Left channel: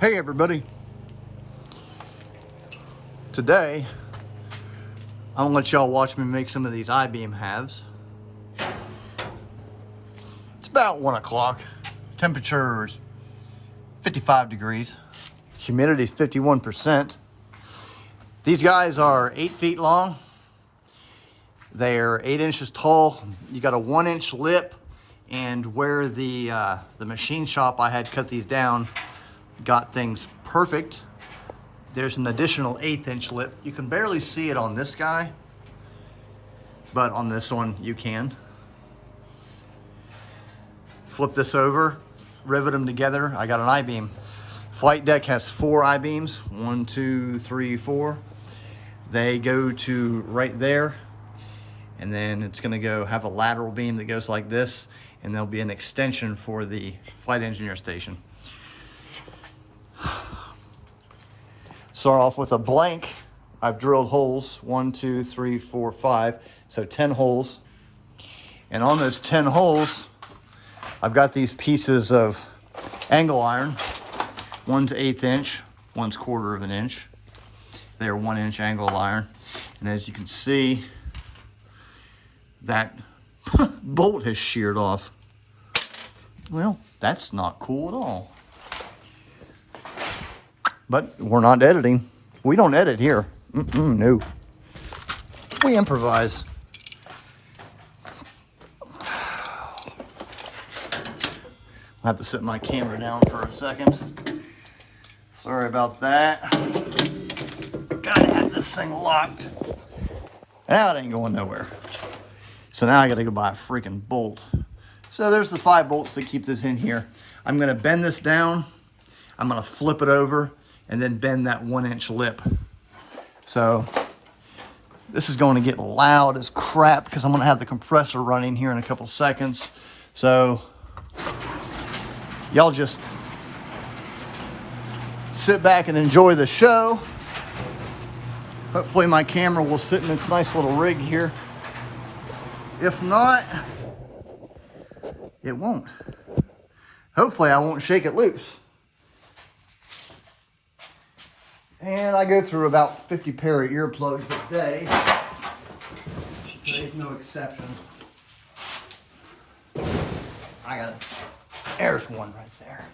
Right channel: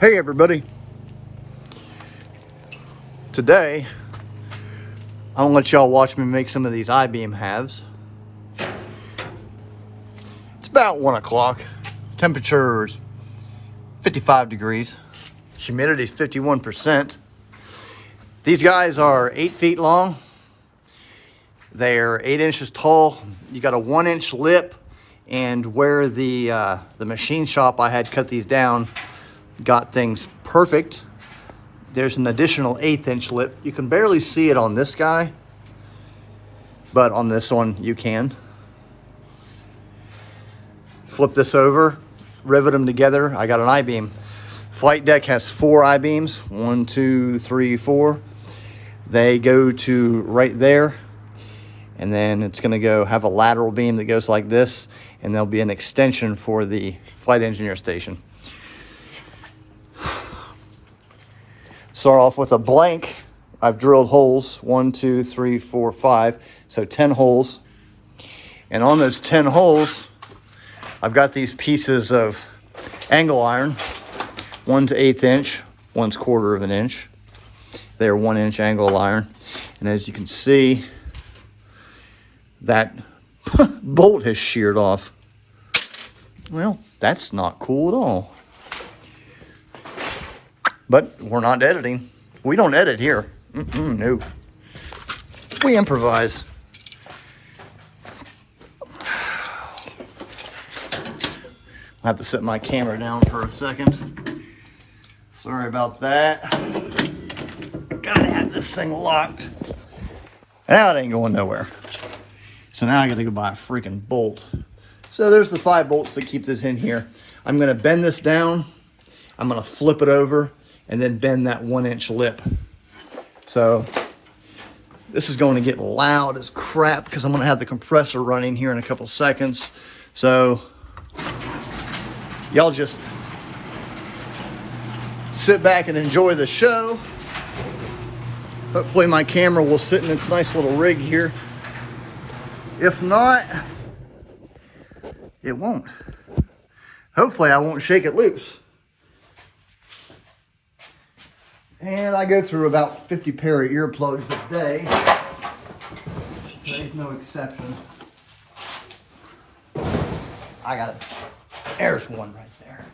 Hey everybody, today I'm gonna let y'all watch me make some of these I-beam halves. It's about 1 o'clock, temperature is 55 degrees, humidity is 51%. These guys are 8 feet long, they're 8 inches tall. You got a 1-inch lip, and where the machine shop I had cut these down got things perfect, there's an additional 1/8 inch lip. You can barely see it on this guy, but on this one you can. Flip this over, rivet them together. I got an I-beam. Flight deck has 4 I-beams, 1, 2, 3, 4. They go to right there, and then it's gonna go have a lateral beam that goes like this, and there'll be an extension for the flight engineer station. Start off with a blank. I've drilled holes, 1, 2, 3, 4, 5, so 10 holes. And on those 10 holes, I've got these pieces of angle iron. One's 1/8 inch, one's 1/4 of an inch. They're 1-inch angle iron. And as you can see, that bolt has sheared off. Well, that's not cool at all. But we're not editing. We don't edit here. No. We improvise. I'll have to set my camera down for a second. Sorry about that. Gotta have this thing locked. Now it ain't going nowhere. So now I gotta go buy a freaking bolt. So there's the 5 bolts that keep this in here. I'm gonna bend this down. I'm gonna flip it over and then bend that 1-inch lip. So this is going to get loud as crap because I'm going to have the compressor running here in a couple seconds. So y'all just sit back and enjoy the show. Hopefully my camera will sit in its nice little rig here. If not, it won't. Hopefully I won't shake it loose. And I go through about 50 pair of earplugs a day. Today's no exception. I got it. There's one right there.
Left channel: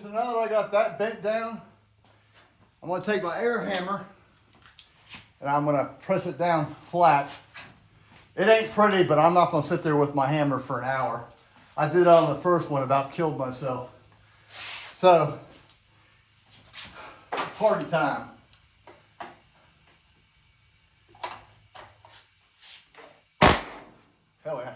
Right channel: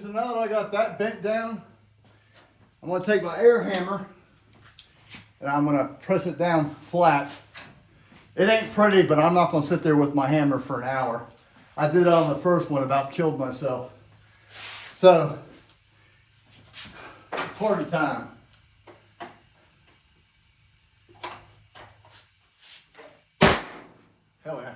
So now that I got that bent down, I'm going to take my air hammer and I'm going to press it down flat. It ain't pretty, but I'm not going to sit there with my hammer for an hour. I did that on the first one, about killed myself. So, party time. Hell yeah.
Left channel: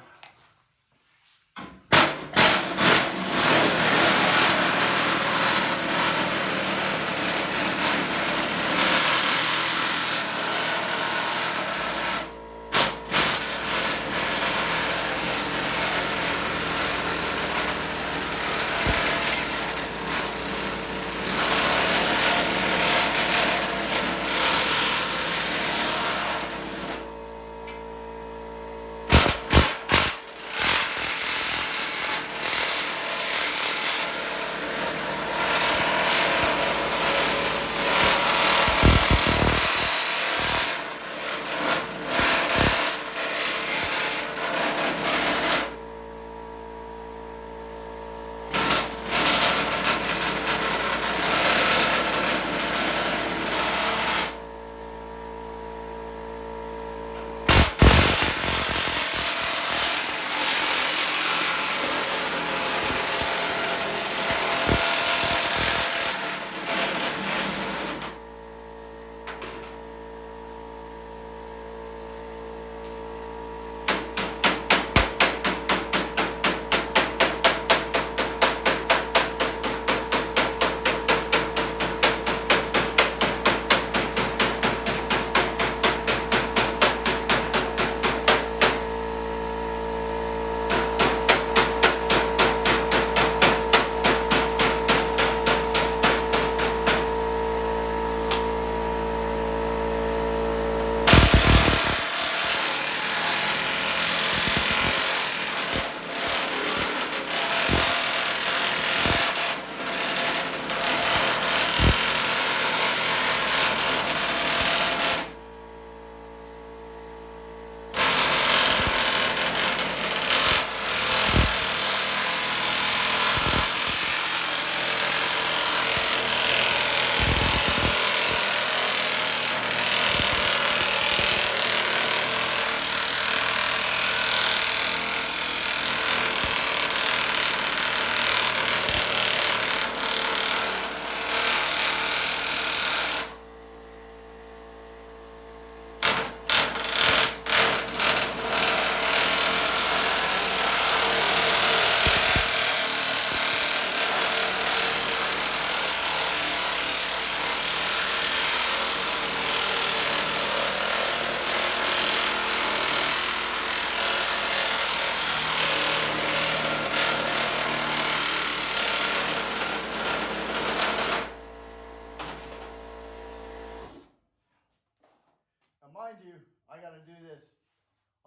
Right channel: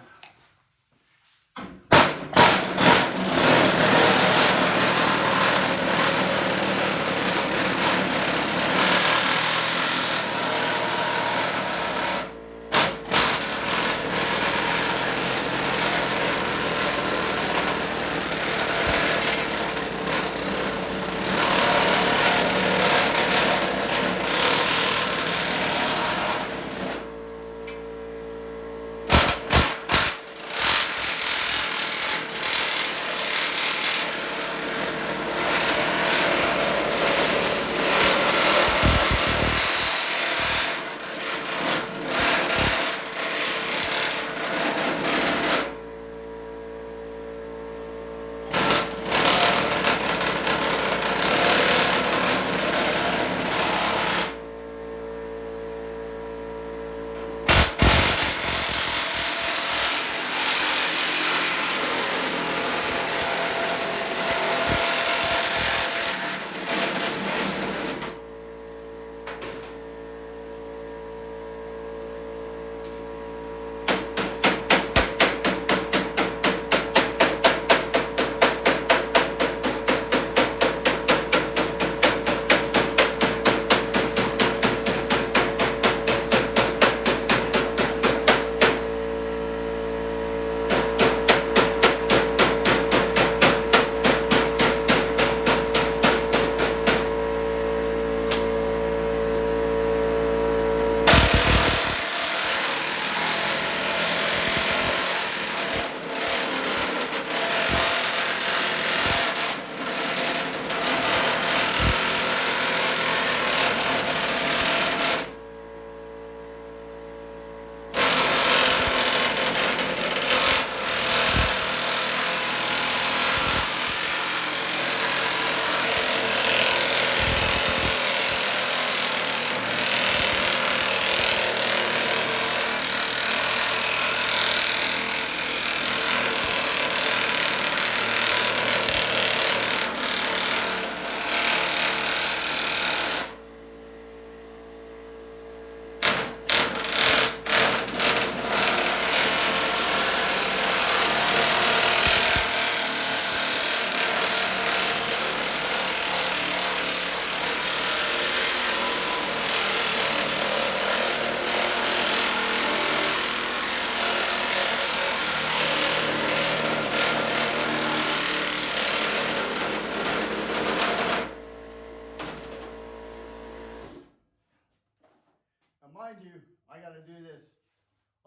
mind you, I got to do this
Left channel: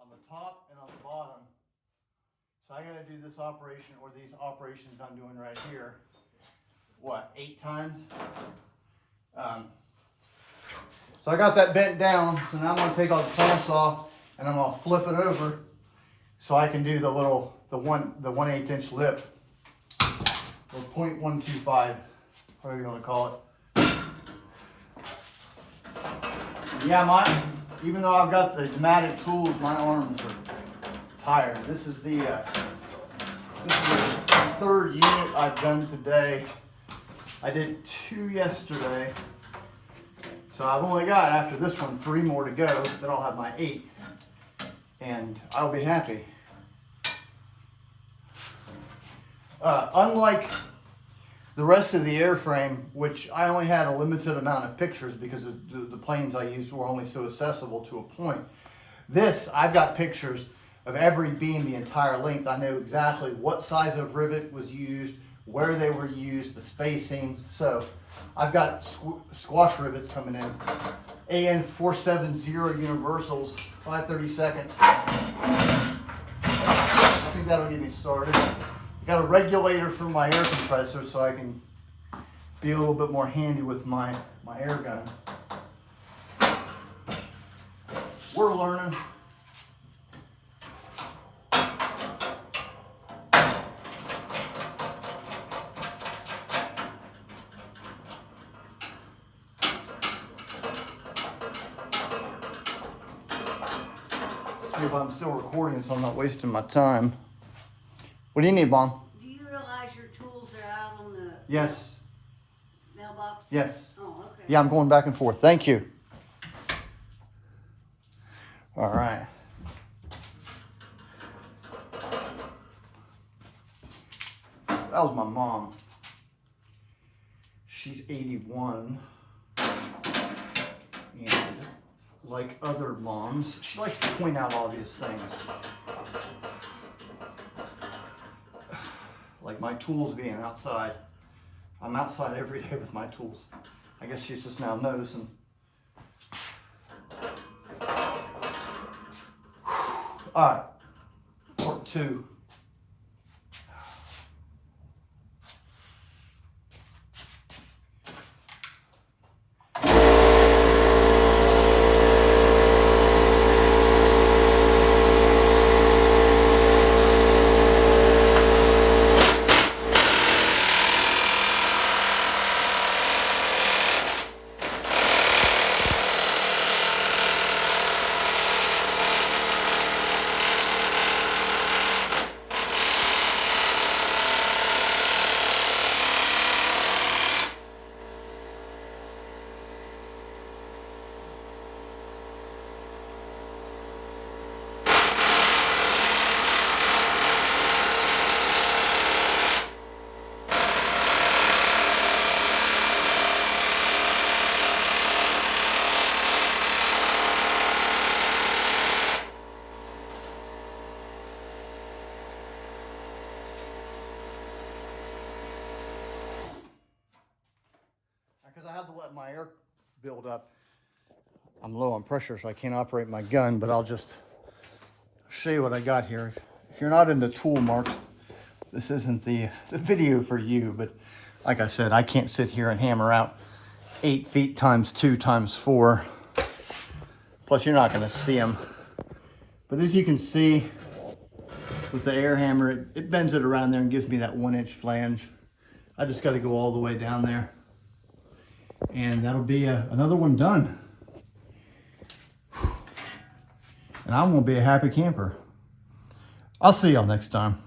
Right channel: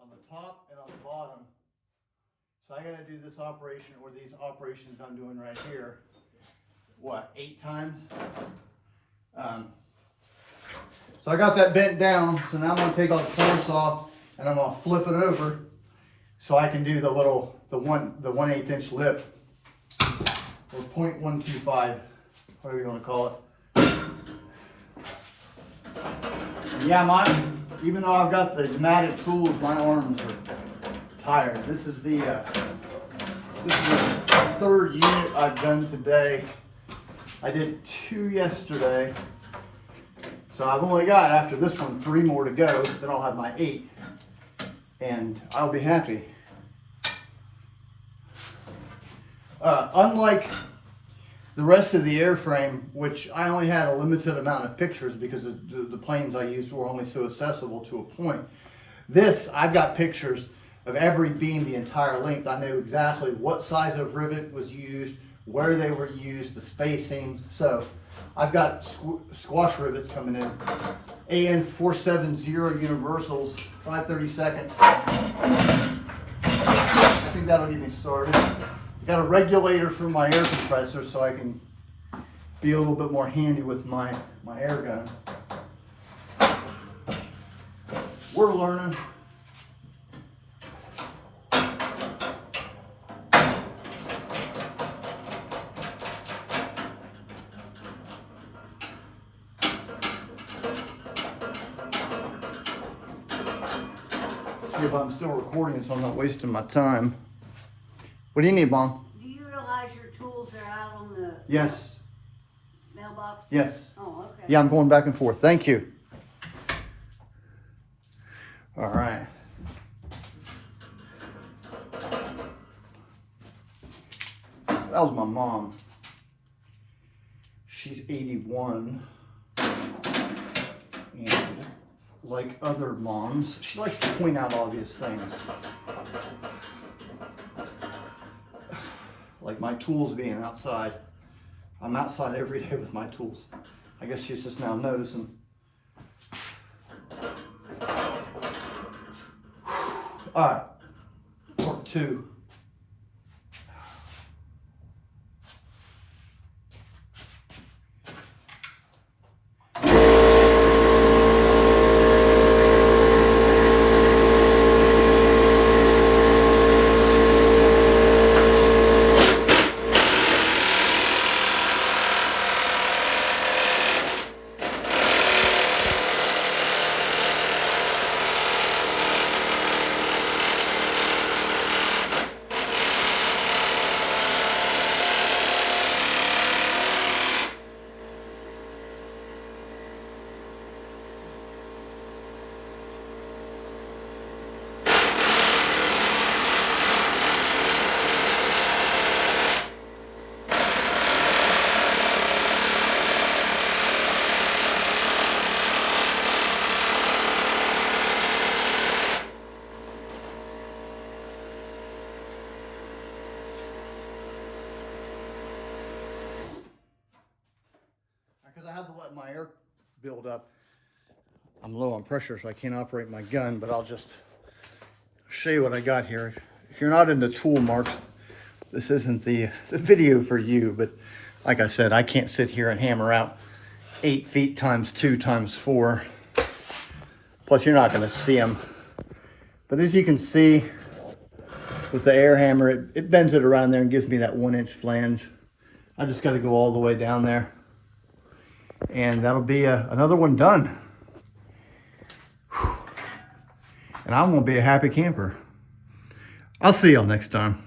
on the top and on the bottom. So I got to do this operation, or these operations I'm doing right here, what, 8 times? So I got that bent down, so now I'm going to take all the clamps off and I'm going to flip it over so I can do the 1/8 inch lip, or 0.125, whatever you want to call it. Yeah, even though I've got the matted tools, my arms are tired. This is the 3rd unit I've done today. I did 2 yesterday. So I've only got, after this one, 3 more to go. Then I'll have my 8. And I'll be happy. Unlike the rest of the airframe, which I only had a limited amount of pictures because the planes I used were only so accessible to a point. This, I've got pictures of every beam the entire length. I know exactly what size of rivet was used, where they were used, the spacing. So I've got squash rivets coming in. AN 470 universals, 5/32. I think that'll get me started. Got a regulator for my air compressor so I can be a little bit more handy with my air gun. We're learning. See if I'm still recording so I'm not wasting my time. What do you need, Mom? Do you realize your tools are out on the Yes. mailbox? Yes. Oh, okay. Yeah, I'm going back and forth. Thank you. All right. That was my mom. She's 81. And like other moms, she likes to point out obvious things. Like my tools being outside. I'm outside every day with my tools. I guess she's just now noticing. All right, part 2. Because I had to let my air build up. I'm low on pressure, so I can't operate my gun, but I'll just show you what I got here. If you're not into tool marks, this isn't the video for you, but like I said, I can't sit here and hammer out 8 feet times 2 times 4. Plus, you're not going to see them. But as you can see, with the air hammer, it bends it around there and gives me that 1-inch flange. I just got to go all the way down there. And that'll be another one done. Whew. And I'm going to be a happy camper. I'll see y'all next time.